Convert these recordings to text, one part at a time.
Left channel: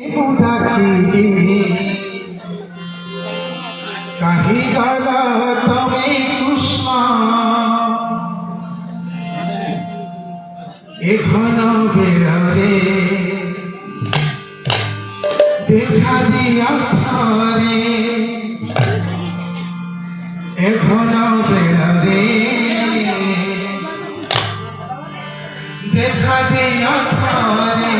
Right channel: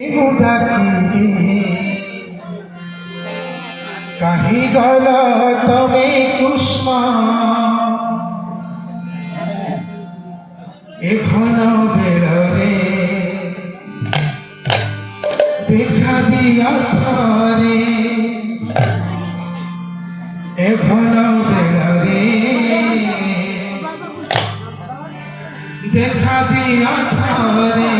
कहीं गला तमें कृष्ण ए घन बेलरे देखा दिया थारे ए घन बेलरे देखा दिया थारे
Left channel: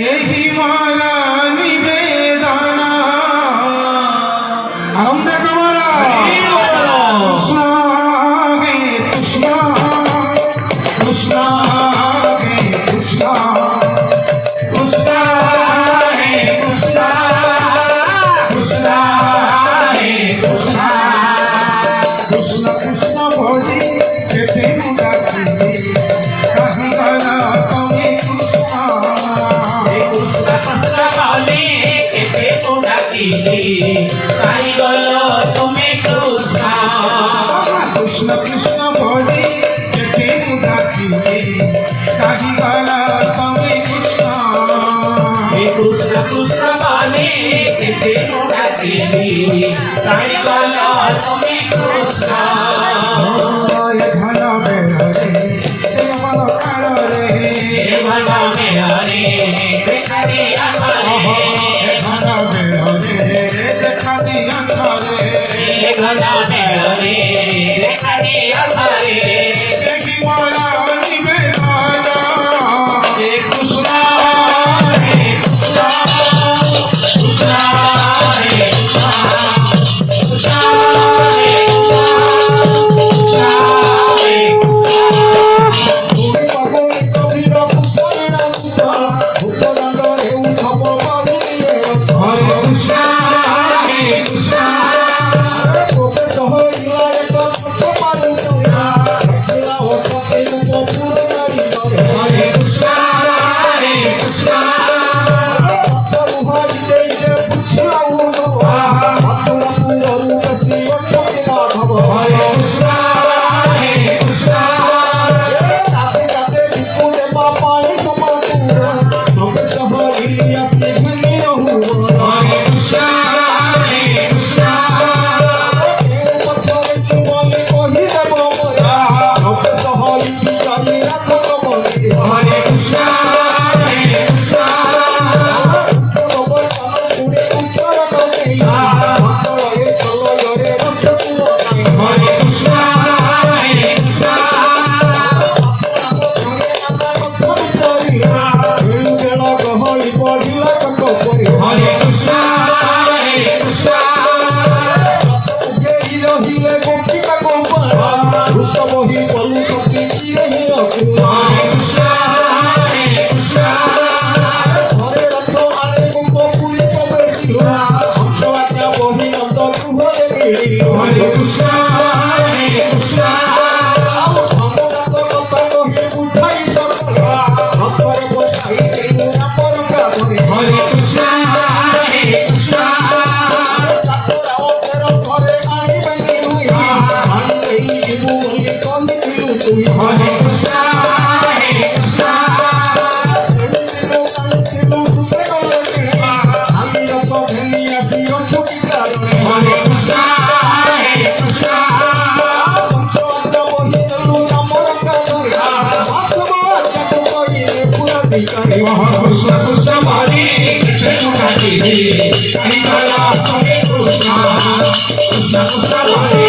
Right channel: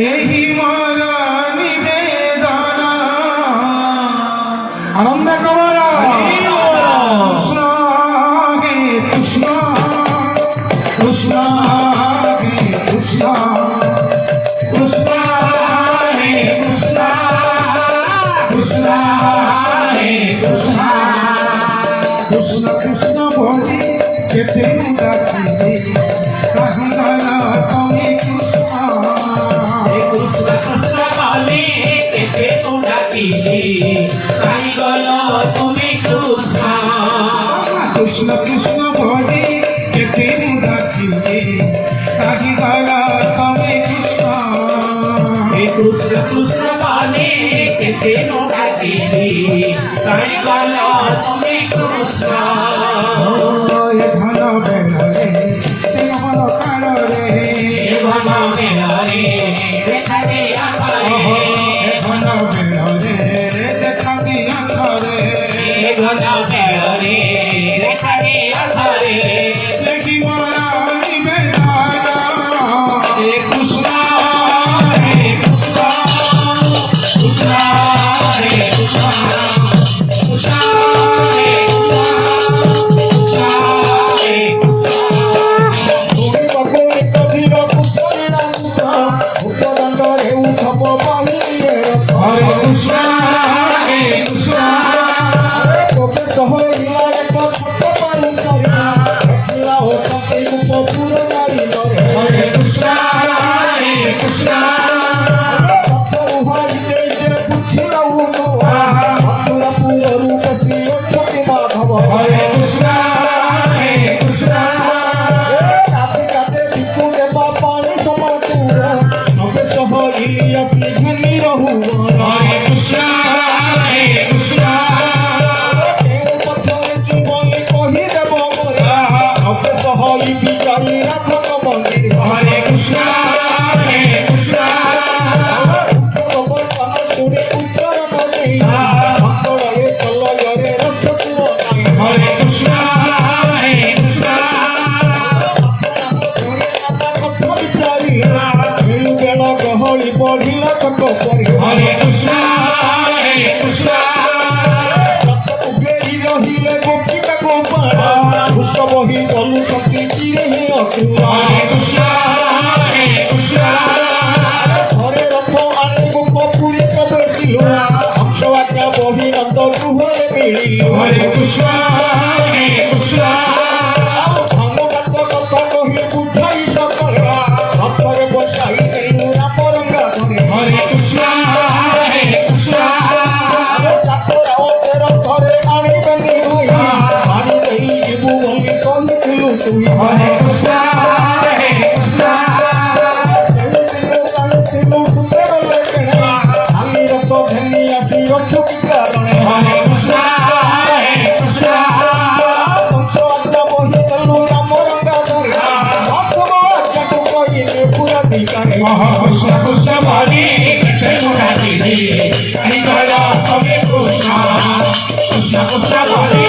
एही मारा निवेदना आनंद कमला कृष्ण गे कृष्ण कृष्ण गे कृष्ण कृष्ण गे कृष्ण कृष्ण गे कृष्ण कृष्ण कृष्ण बोली केते डाकिले कहीं गला तमें कृष्ण कृष्ण कृष्ण बोली केते डाकिले कहीं गला तमें कृष्ण कृष्ण कृष्ण बोले केते डाकिले कहीं गला तमें कृष्ण घन बेलरे मन काल रे घन बेलरे देखा दिया घन बेलरे देखा दिया थारे घन बेलरे देखा दिया देखी मारा निवेदना हे कृष्ण हे कृष्ण कृष्ण हे कृष्ण कृष्ण हे हरे कृष्ण हे कृष्ण हरे कृष्ण हे कृष्ण हरे कृष्ण हे कृष्ण हरे कृष्ण हे कृष्ण हरे कृष्ण हे कृष्ण हरे कृष्ण हे कृष्ण हरे कृष्ण हे कृष्ण हरे कृष्ण हे कृष्ण हरे कृष्ण हे कृष्ण हरे कृष्ण हे कृष्ण हरे कृष्ण हे कृष्ण हरे कृष्ण हे कृष्ण कृष्ण कृष्ण बोले केते डाकिले कहीं गला तमें कृष्ण कृष्ण कृष्ण बोले